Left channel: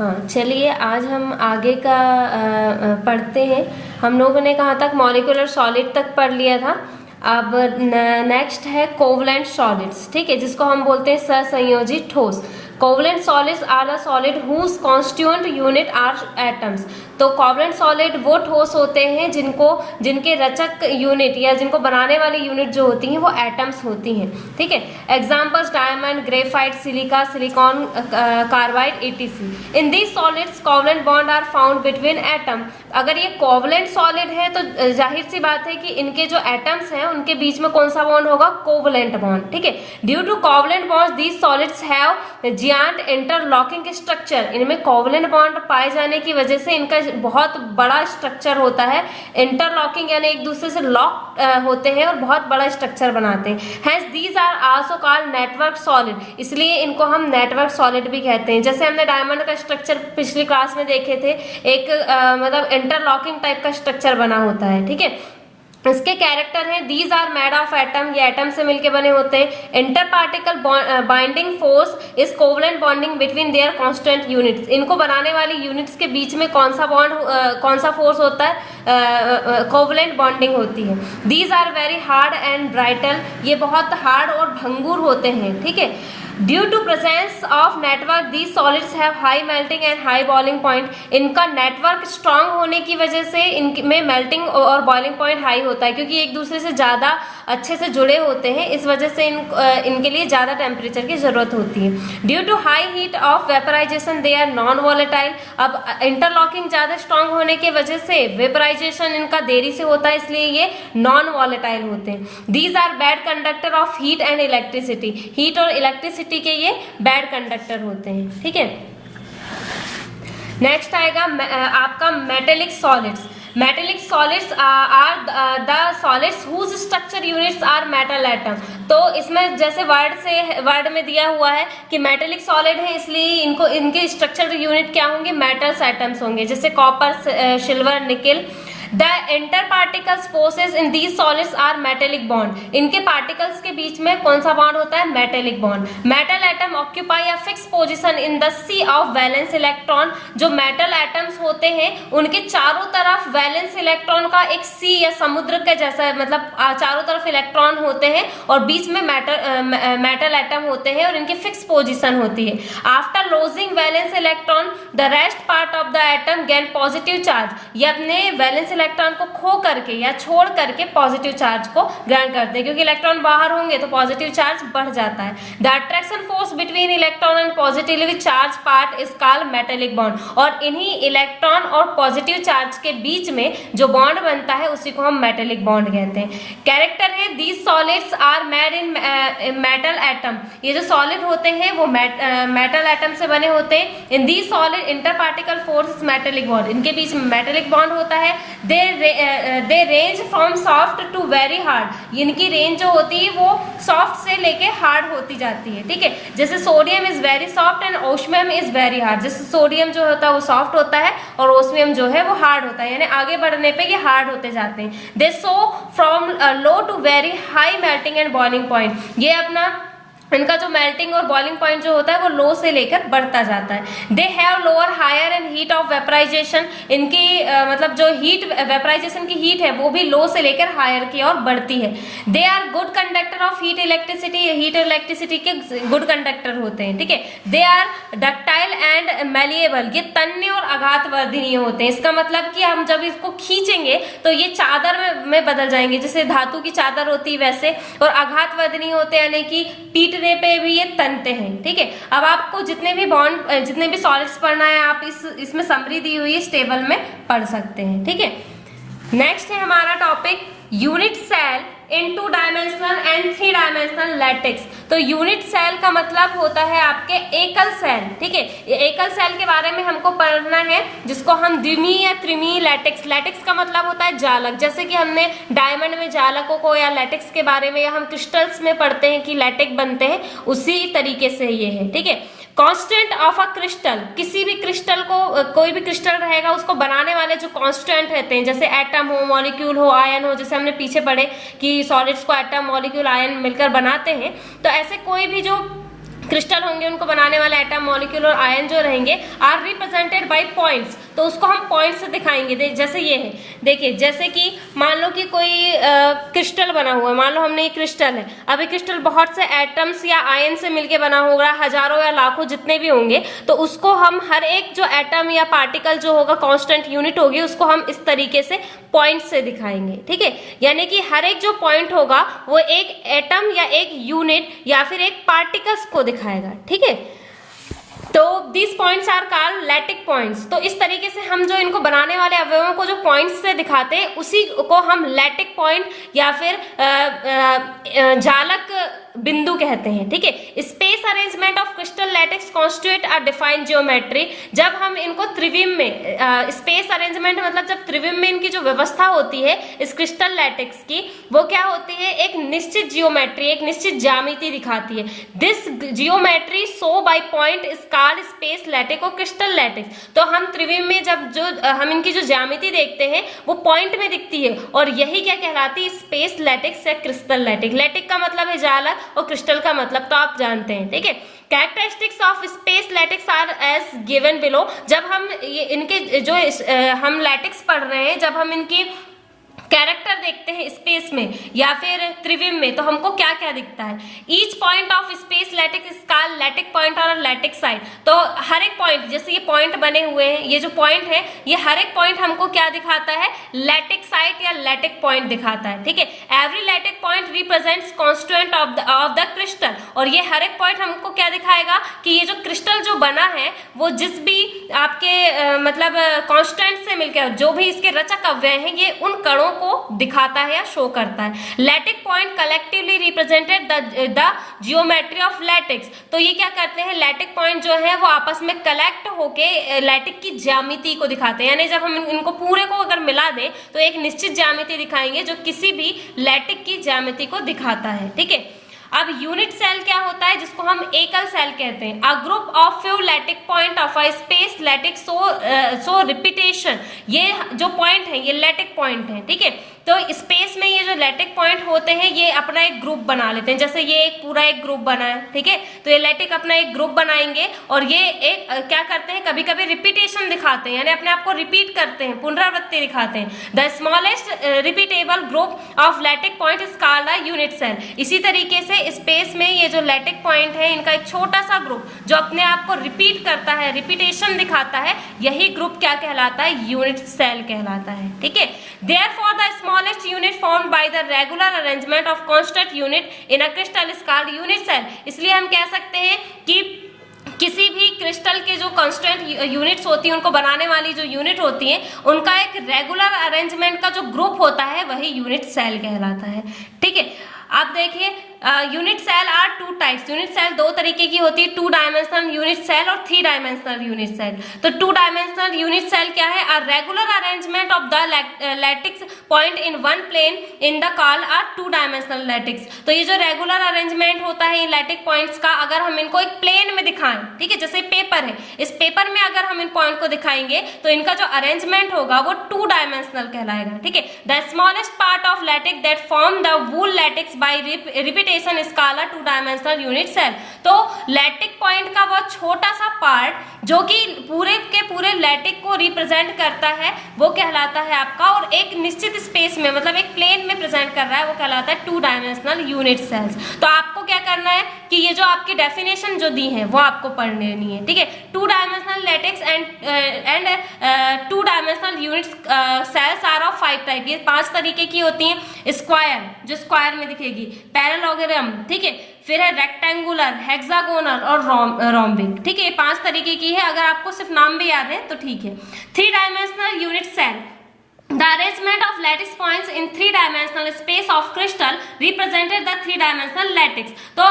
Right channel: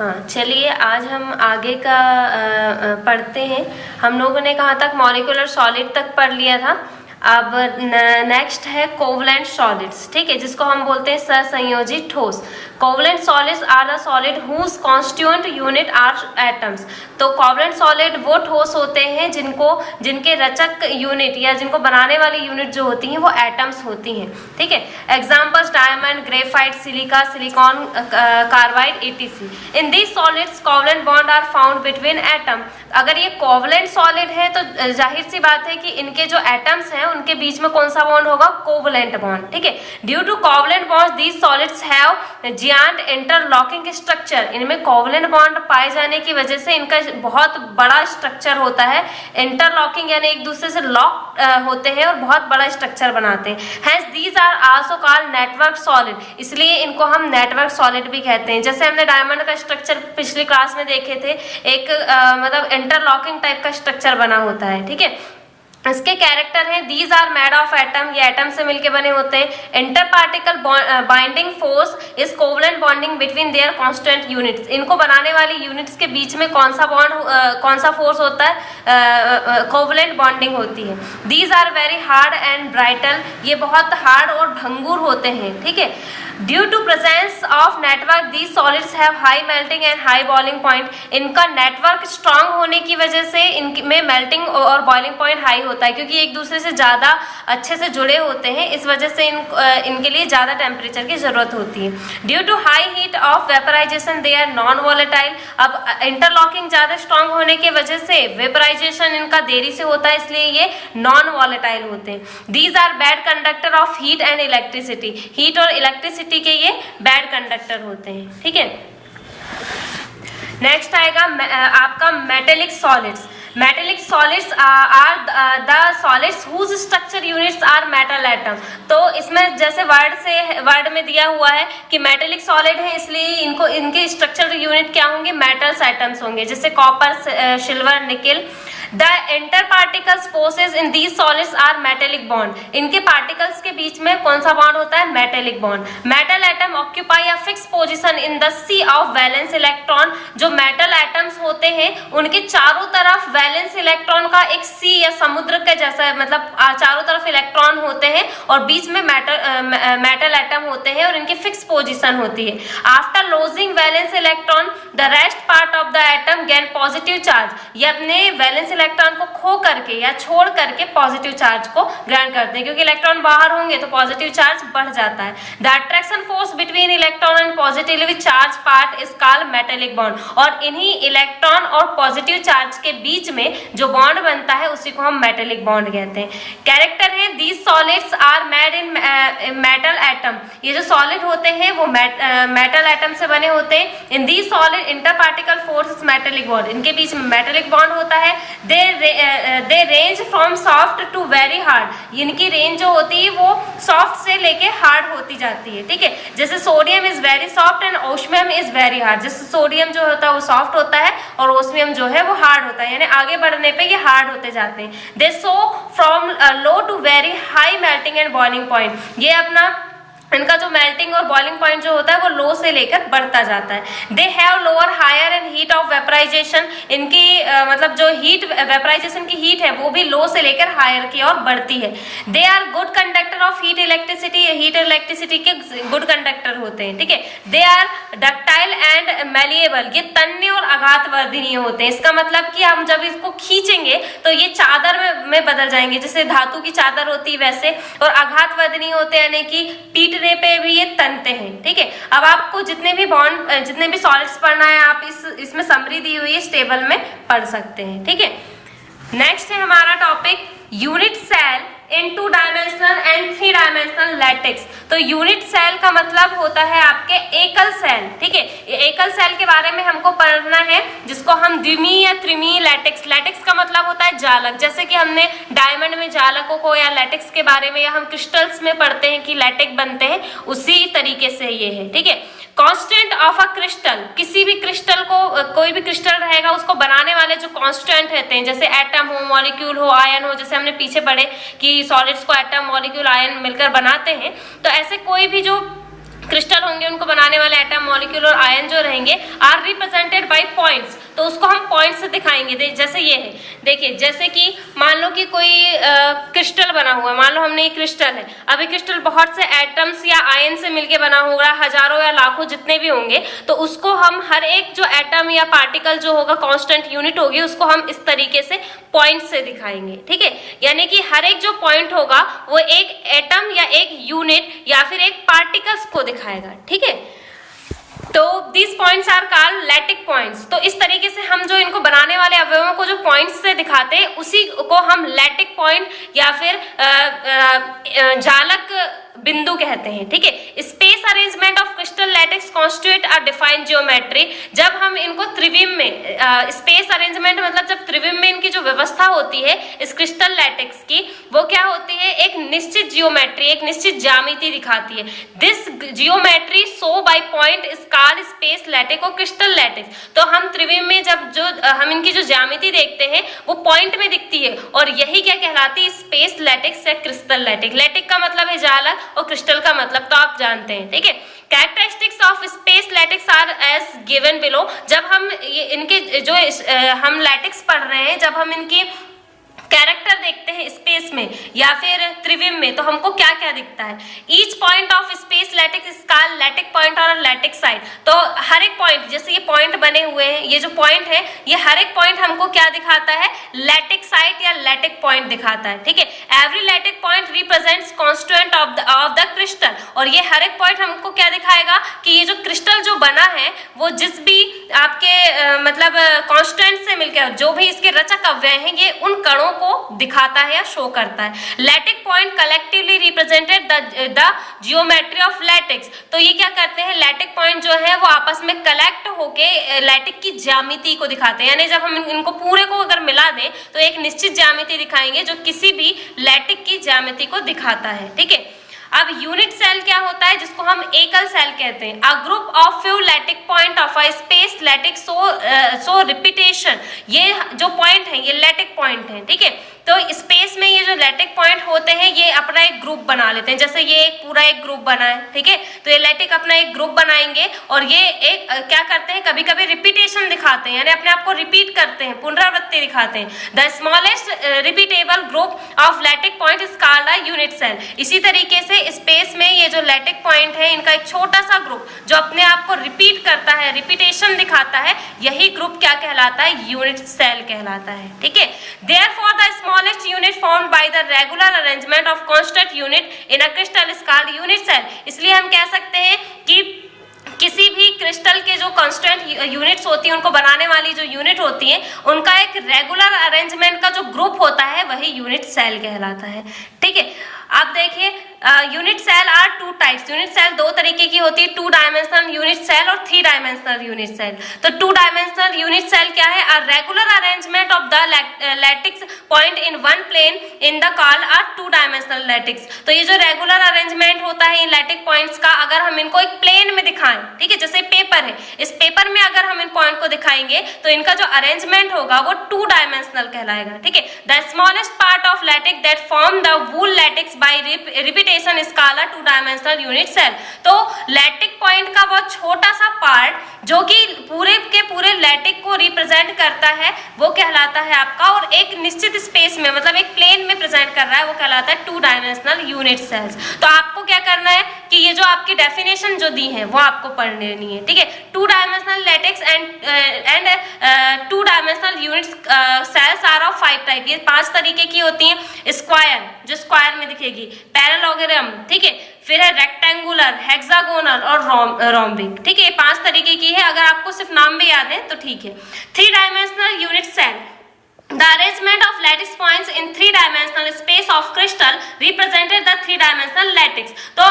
हाँ, चलिए आज हम आगे का पढ़ते हैं। हम लोगों ने कहाँ तक मॉलिक्यूलर सॉलिड तक पढ़ लिया था। अब नेक्स्ट है कोवलेंट सॉलिड्स, ठीक है, जिसको हम बोलते हैं सहसंयोजी ठोस। Covalent solids are the solid whose constituent unit are atoms. तो कोवलेंट सॉलिड वो ठोस होते हैं जिनके रचक यूनिट या जिनको बनाने वाली यूनिट जो होती हैं वो एटम्स होती हैं, ठीक है। Examples diamond, graphite, silica, silicon, carbide, etc. In these solids covalent bond are found between atom. अगर ये कोवलेंट सॉलिड है तो जाहिर सी बात है कि इनके जो एटम्स हैं उनके बीच में कौन सा बॉन्ड होगा, कोवलेंट बॉन्ड, ठीक है। Due to covalent bonds these solids have giant interlocking structure. इनमें कोवलेंट बॉन्ड पाए जाने की वजह से इनका बहुत बड़ा स्ट्रक्चर होता है। इंटरलॉकिंग यानी एक दूसरे से लॉक होते हैं और बहुत बड़ा स्ट्रक्चर बनाते हैं। Hence these are also called network solid, इसलिए इनको हम नेटवर्क सॉलिड भी कहते हैं। जैसे हमने डायमंड का स्ट्रक्चर पिछली क्लास में देखे थे, एक मतलब इंटरलॉकिंग टाइप का स्ट्रक्चर बना होता है, ठीक है। इसके कैरेक्टर हैं, these are made of atom, ये एटम से मिलके बने होते हैं। Inter particle binding force is covalent bonding between their constant units. इनको बनाने वाली यूनिट्स के बीच में कौन सा फोर्स होता है, कोवलेंट बॉन्डिंग होती है। These are very hard and brittle, ये बहुत हार्ड और भंगुर होते हैं, ठीक है। Due to presence of network these solids have high melting and high boiling point. इनका नेटवर्क स्ट्रांग होने की वजह से इनमें मेल्टिंग और बॉइलिंग पॉइंट हाई होता है, क्योंकि एक दूसरे से ज़्यादा अच्छे से जुड़े होते हैं। इस वजह से इनके लिए ज़्यादा टेम्परेचर की ज़रूरत होती है। Due to high heat of vaporisation they are non volatile. अब इंटरलॉकिंग ज़्यादा स्ट्रांग होने की वजह से वेपराइजेशन इनका देरी से होता है, इसलिए ये नॉन वॉलेटाइल होते हैं। These are bad conductor of heat and electricity. Heat और इलेक्ट्रिसिटी के ये बैड कंडक्टर होते हैं, ठीक है। नेक्स्ट आएगा आपका metallic solids. Metallic solids are the solids whose structure units are metal atom. तो इसमें जैसे वर्ड में दिया हुआ है कि मेटेलिक सॉलिड है, इसलिए इनके स्ट्रक्चर यूनिट क्या होंगे, मेटल्स एटम्स होंगे, जैसे कॉपर, सिल्वर, निकल। The interparticles forces in these solids are metallic bond. इनके पार्टिकल्स के बीच में कौन सा बॉन्ड होता है, metallic bond. Metal atom occupy a fix position in the sea of valence electron. जो मेटल एटम्स होते हैं उनके चारों तरफ वैलेंस इलेक्ट्रॉन का एक सी या समुद्र के जैसा, मतलब चारों तरफ इलेक्ट्रॉन होते हैं और बीच में मेटल एटम होते हैं और इनकी फिक्स पोजीशन होती है। After lodging valence electron the rest part of the atom gain positive charge. ये अपने वैलेंस इलेक्ट्रॉन को खो करके या छोड़ करके पॉजिटिव चार्ज को ग्रहण करते हैं, क्योंकि इलेक्ट्रॉन बाहर होंगे तो पॉजिटिव चार्ज बढ़ जाता है। The attraction force between electron and positively charge part is called metallic bond. और इन्हीं इलेक्ट्रॉन और पॉजिटिव चार्ज के बीच में जो बॉन्ड बनता है उसी को हम मेटेलिक बॉन्ड कहते हैं। कैरेक्टर है, these solids are made in metal atom. ये जो सॉलिड होते हैं वो मेटल एटम से बने होते हैं। In these solid inter particle force metallic bond, इनके बीच में मेटेलिक बॉन्ड होता है। They range from soft to very hard. इनकी रेंज जो होती है वो सॉफ्ट से लेके हार्ड होती जाती है, ठीक है। जैसे sodium is very soft and osmium is very hard. जैसे सोडियम जो होता है वो सॉफ्ट होता है और ओस्मियम जो है वो हार्ड होता है, यानी आगे बढ़ने पे ये हार्ड होते जाते हैं। They show from low to very high melting and boiling point. ये अपना इनका जो मेल्टिंग और बॉइलिंग पॉइंट जो होता है वो लो से लेकर बढ़ता जाता है। They have lower higher and heat of vaporisation. इनकी मतलब जो हीट वेपराइजेशन की हीट है वो भी लो से लेकर हायर की ओर बढ़ती है। They are good conductor of heat electricity. Heat और इलेक्ट्रिसिटी के गुड कंडक्टर होते हैं, ठीक है। They are ductile and malleable. ये तन्य और आघातवर्धनीय होते हैं। इसका मतलब कि हम जब इसको खींचेंगे तो ये चादर में बदल जाएंगे, जैसे धातु की चादर होती है वैसे। और आघातवर्धनीय होते हैं यानी कि पीट पे भी ये तनते हैं, ठीक है। अब आपको जितने भी सॉलिड्स पढ़ना है आप इसमें समरी दी हुई इस टेबल में पढ़ सकते हैं, ठीक है। नेक्स्ट है हमारा topic unit cell in 2 dimensional and 3 dimensional lattices. तो यूनिट सेल का मतलब होता है आपके एकल सेल, ठीक है। ये एकल सेल के बारे में हमको पढ़ना है, जिसको हम द्विमीय या त्रिमीय लैटेक्स। लैटेक्स का मतलब होता है जालक। जैसे कि हमने डायमंड में जालकों को या लैटेक्स के बारे में, या हम क्रिस्टल्स में पढ़ते हैं कि लैटेक्स बनते हैं, उसी तरीके से ये है, ठीक है। Constant of a crystal. किसी भी क्रिस्टल को, कोई भी क्रिस्टल रहेगा उसको बनाने वाले जो कांस्टेंट रहते हैं, जैसे एटम हो, मॉलिक्यूल हो, आयन हो, जैसे हमने पीछे पढ़े कि सॉलिड्स को एटम, मॉलिक्यूल, आयन मिलकर बनाते हैं। तो ऐसे कोई भी जो क्रिस्टल होंगे, उनको बनाने वाले एटम, मॉलिक्यूल और आयन जो रहेंगे आर रिप्रेजेंटेड बाय पॉइंट्स, तो उसको हम पॉइंट से दिखाएंगे। जैसे ये है, देखिए जैसे कि मान लो कि कोई क्रिस्टल बना हुआ है, मान लो हमने ये क्रिस्टल है, अब ये क्रिस्टल बहुत से एटम्स या आयन से मिलके बना होगा, हजारों या लाखों जितने भी होंगे, तो उसको हम हर एक जो एटम या पार्टिकल जो होगा, कांस्टेंट यूनिट होगी, उसको हम इस तरीके से पॉइंट से दिखाएंगे। ठीक है, यानी कि हर एक जो पॉइंट होगा वो एक एटम या एक यूनिट या फिर एक पार्टिकल्स को दिखाएगा। ठीक है, तो these points are called lattice points. तो इस तरीके से हम जो इनको बनाने वाले अवयवों को जो पॉइंट्स से दिखाते हैं, उसी को हम लैटिक पॉइंट या फिर जालक बिंदु कहते हैं। ठीक है, space arrangement of crystal lattices constitute a defined geometry. जब हम इनको त्रिविम में, स्पेस अरेंजमेंट मतलब जब त्रिविम में इनकी जो व्यवस्था होती है इस क्रिस्टल लैटिक्स की, वो क्या होती है, एक निश्चित जियोमेट्री, एक निश्चित ज्यामिति दिखाती है। This geometry show by point scale space lattice और क्रिस्टल लैटिक्स। तो हम त्रिविम में जब जो हम इनकी जो ज्यामिति देखते हैं वो पॉइंट में दिखती है, और यही क्या कहलाती है, स्पेस लैटिक्स या क्रिस्टल लैटिक। लैटिक का मतलब है जालक और क्रिस्टल का मतलब तो आप जानते हैं। ठीक है, characteristics of space lattices are as given below. जब हम इनके जो हम लैटिक्स पढ़ रहे हैं, जब हम इनकी कैरेक्टर देखते हैं स्पेस में या फिर त्रिविम में, तो हमको क्या क्या दिखता है। Each point of space lattice is called lattice point और लैटिक साइड। तो हर एक पॉइंट, जैसे ये पॉइंट बने हुए हैं, ये जो पॉइंट है, ये हर एक पॉइंट हमको क्या दिखाता है, लैटिक साइड या लैटिक पॉइंट दिखाता है। ठीक है, every lattice point represents constituent of the crystal. और ये हर एक पॉइंट हमको क्या दिखाएगा कि ये जो क्रिस्टल जो बना है वो जिस भी आपके मतलब कॉन्स्टेंट से मिलकर जो भी इसके रचक अवयव हैं, ये उन कणों को दिखाता है या शो करता है। Lattice point collectively represented the geometry of lattices. तो ये क्या करते हैं, लैटिक पॉइंट जो है वो आपस में कलेक्ट होके लैटिक की ज्यामिति को दिखाते हैं। यानी जब हम इनको पूरे को अगर मिला दें तो एक निश्चित ज्यामिति दिखाएंगे जो किसी भी लैटिक की ज्यामिति को दिखाता है। ठीक है, अब यूनिट सेल क्या होता है, जिसको हम एकल सेल कहते हैं। A group of few lattice point of a space lattice so repetition. ये जो पॉइंट है ये लैटिक पॉइंट है। ठीक है, तो स्पेस में ये जो लैटिक पॉइंट होते हैं ये अपना एक ग्रुप बना लेते हैं। जैसे ये एक पूरा एक ग्रुप बना है, ठीक है, तो ये लैटिक अपना एक ग्रुप बनाएंगे और ये एक क्या करते हैं, कभी कभी रिपीटेशन दिखाते हैं, यानी अपने आप को रिपीट करते हैं, पुनरावृत्ति दिखाते हैं। The smallest repeatable group of lattice point is called a unit cell. इसी तरीके से स्पेस में ये जो लैटिक पॉइंट है इनका एक छोटा सा ग्रुप जो अपने आप को रिपीट करता है, रिपीटेशन दिखाता है, यही ग्रुप क्या कहलाता है, यूनिट सेल कहलाता है। ठीक है, therefore the smallest unit formed by the regular arrangement of constant unit in a crystal is called unit cell। इसलिए हम कह सकते हैं कि किसी भी क्रिस्टल के जो कांस्टेंट यूनिट्स होती हैं, उनको बनाने वाली जो यूनिट होती हैं, उनका एक रेगुलर अरेंजमेंट का जो ग्रुप होता है वही यूनिट सेल कहलाता है। ठीक है, आप देखिए unit cell are two types. Unit cell दो तरीके की होती है, 2 डायमेंशनल यूनिट सेल और 3 डायमेंशनल यूनिट सेल। तो 2 डायमेंशनल यूनिट सेल क्या है, a regular arrangement of the lattices point in one plane in the call are 2 dimensional lattices. तो ये जो रेगुलर अरेंजमेंट होता है इन लैटिक पॉइंट्स का, अगर हम इनको एक प्लेन में दिखाएं, ठीक है, जैसे पेपर है, इस पेपर में अगर हम इन पॉइंट को दिखाएंगे तो इनका जो अरेंजमेंट होगा वो 2 डायमेंशनल कहलाएगा। ठीक है, the smallest part of lattice that form the whole lattices by repetition is called a 2 dimensional unit cell. तो लैटिक पॉइंट का वो छोटा सा पार्ट जो कि पूरे के पूरे लैटिक को रिप्रेजेंट करता है वो कहलाता है आपका, और एक निश्चित स्पेस में मतलब एक प्लेन में प्रेजेंट कर रहा है वो कहलाता है 2 डायमेंशनल यूनिट सेल्स। तो आपको क्या करना है कि ये जो आपकी डेफिनेशन जो दी है वो आपको पढ़ लेनी है। ठीक है, 2 dimensional lattices and 2 dimensional unit cells are of 5 type. ये 5 तरीके की होती हैं। स्क्वायर, जो स्क्वायर में दिखेगी, पैरेललोग्राम, ठीक है, फिर है रेक्टेंगुलर, हेक्सागोनल और रोम्बिक। ठीक है, ये 5 तरीके की है। अगर आपको सिर्फ नाम भी याद है तो ठीक है। 3 dimensional unit cell, the arrangement of lattice points in 3 dimensional space of crystal represented the 3 dimensional lattice। तो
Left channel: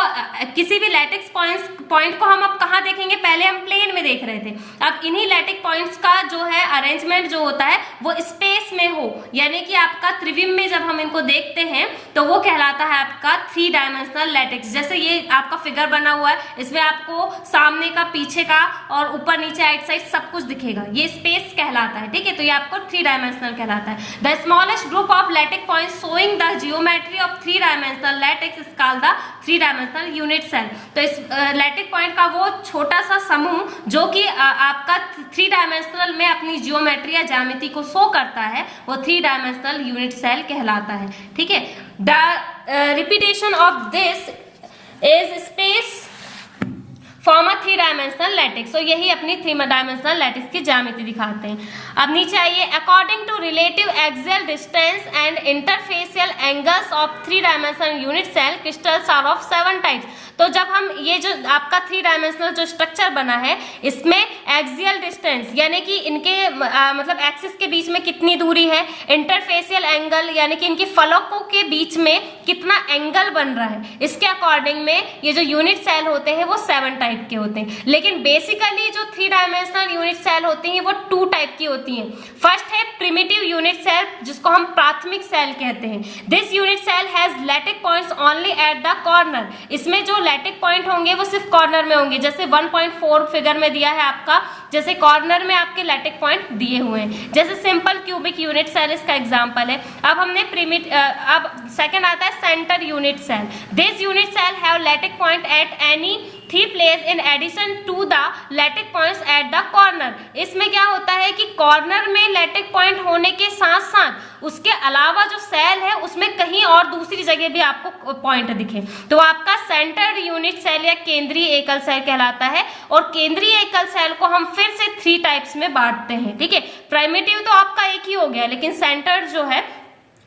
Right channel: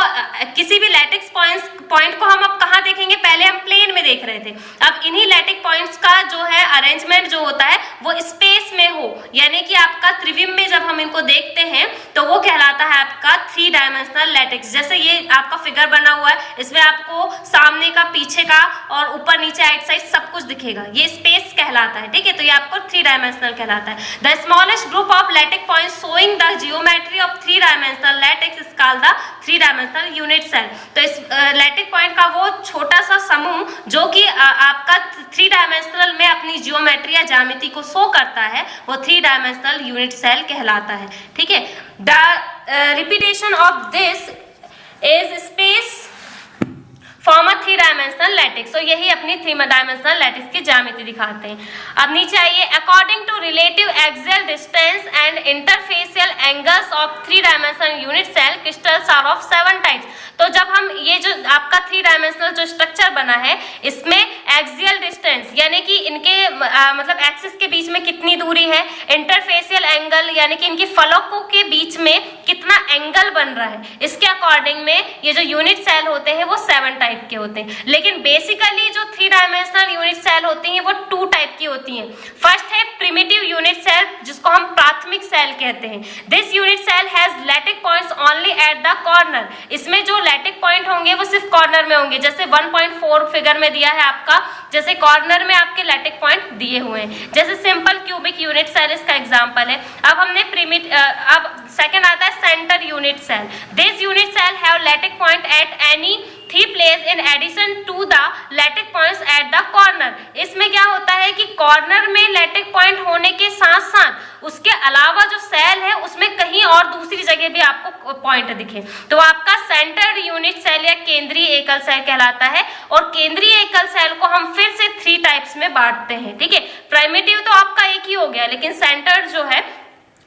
किसी भी लैटिक्स पॉइंट को हम अब कहाँ देखेंगे, पहले हम प्लेन में देख रहे थे, अब इन्हीं लैटिक पॉइंट्स का जो है अरेंजमेंट जो होता है वो स्पेस में हो, यानी कि आपका त्रिविम में जब हम इनको देखते हैं तो वो कहलाता है आपका 3 डायमेंशनल लैटिक्स। जैसे ये आपका फिगर बना हुआ है, इसमें आपको सामने का, पीछे का और ऊपर नीचे आइट साइड सब कुछ दिखेगा, ये स्पेस कहलाता है। ठीक है, तो ये आपको 3 डायमेंशनल कहलाता है। कहलाता है। The smallest group of lattice point showing the geometry of 3 dimensional lattices is called the 3 dimensional unit cell. तो इस लैटिक पॉइंट का वो छोटा सा समूह जो कि आपका 3 डायमेंशनल में अपनी जियोमेट्री या ज्यामिति को शो करता है, वो 3 डायमेंशनल यूनिट सेल कहलाता है। ठीक है, the repetition of this is space form a 3 dimensional lattices. तो यही अपनी 3 डायमेंशनल लैटिक्स की ज्यामिति दिखाते हैं। अब नीचे आइए, according to relative axial distance and interfacial angles of 3 dimensional unit cell crystals are of 7 types. तो जब हम ये जो आपका 3 डायमेंशनल जो स्ट्रक्चर बना है, इसमें एक्सियल डिस्टेंस यानी कि इनके मतलब एक्सिस के बीच में कितनी दूरी है, इंटरफेसियल एंगल यानी कि इनके फलकों के बीच में कितना एंगल बन रहा है, इसके अकॉर्डिंग में ये जो यूनिट सेल होते हैं वो 7 टाइप के होते हैं। लेकिन बेसिकली जो 3 डायमेंशनल यूनिट सेल होती हैं वो 2 टाइप की होती हैं। फर्स्ट है प्रिमिटिव यूनिट सेल, जिसको हम प्राथमिक सेल कहते हैं। This unit cell has lattice points only at the corner. इसमें जो लैटिक पॉइंट होंगे वो सिर्फ कॉर्नर में होंगे, जैसे 1.4 फिगर में दिया है आपका, जैसे कॉर्नर में आपके लैटिक पॉइंट दिए हुए हैं। जैसे सिंपल क्यूबिक यूनिट सेल इसका एग्जांपल है। अब हमने अब सेकंड आता है centre unit cell. This unit cell have lattice point at any 3 place in addition to the lattice points at the corner. इसमें क्या होता है कि कॉर्नर में लैटिक पॉइंट होने के साथ साथ उसके अलावा जो सेल है उसमें कहीं और दूसरी जगह भी आपको पॉइंट दिखे, तो आपका सेंटर्ड यूनिट सेल या केंद्रीय एकल सेल कहलाता है। और केंद्रीय एकल सेल को हम फिर से 3 टाइप्स में बांटते हैं। ठीक है, प्राइमिटिव तो आपका एक ही हो गया, लेकिन सेंटर्ड जो है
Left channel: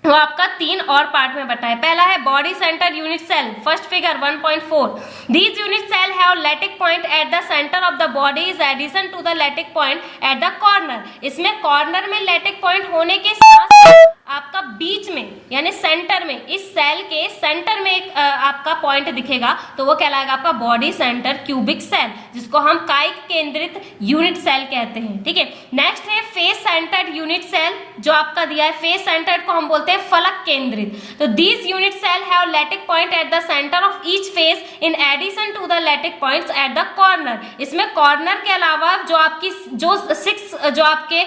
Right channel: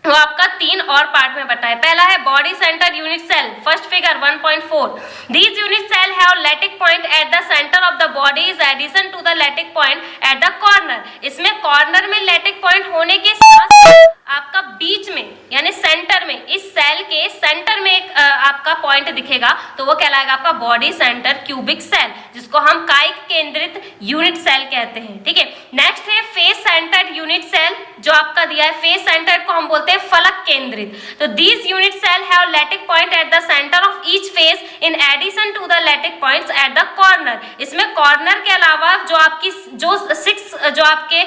वो आपका 3 और पार्ट में बटा है। पहला है body centre unit cell, first figure 1.4। These unit cell have lattice point at the centre of the body is addition to the lattice point at the corner. इसमें कॉर्नर में लैटिक पॉइंट होने के साथ आपका बीच में यानी सेंटर में, इस सेल के सेंटर में एक आपका पॉइंट दिखेगा, तो वो कहलाएगा आपका बॉडी सेंटर क्यूबिक सेल, जिसको हम कायिक केंद्रित यूनिट सेल कहते हैं। ठीक है, नेक्स्ट है फेस सेंटर्ड यूनिट सेल, जो आपका दिया है फेस सेंटर्ड को हम बोलते हैं फलक केंद्रित। तो these unit cell have lattice point at the centre of each face in addition to the lattice points at the corner. इसमें कॉर्नर के अलावा जो आपकी जो 6 जो आपके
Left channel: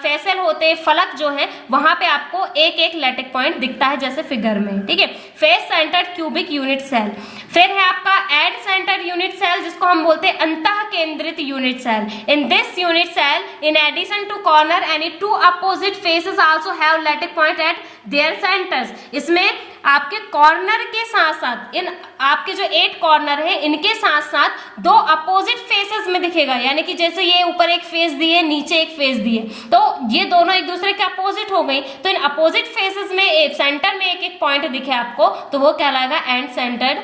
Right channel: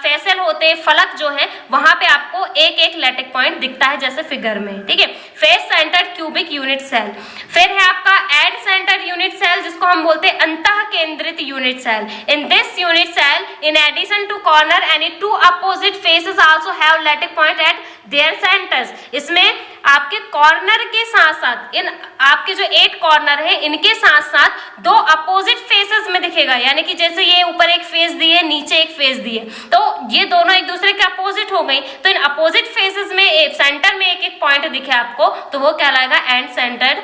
फेसल होते हैं, फलक जो है, वहां पे आपको एक लैटिक पॉइंट दिखता है जैसे फिगर में। ठीक है, face centred cubic unit cell. फिर है आपका एड सेंटर्ड यूनिट सेल, जिसको हम बोलते हैं अंतः केंद्रित unit cell. In this unit cell in addition to corner any 2 opposite faces also have lattice point at their centres. इसमें आपके कॉर्नर के साथ साथ इन आपके जो 8 कॉर्नर है, इनके साथ साथ 2 अपोजिट फेसेस में दिखेगा, यानी कि जैसे ये ऊपर एक फेस दिए, नीचे एक फेस दिए, तो ये दोनों एक दूसरे के अपोजिट हो गई। तो इन अपोजिट फेसेस में सेंटर में एक पॉइंट दिखे आपको, तो वो कहलाएगा एंड सेंटर्ड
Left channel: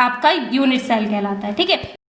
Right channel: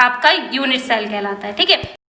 आपका यूनिट सेल कहलाता है। ठीक है।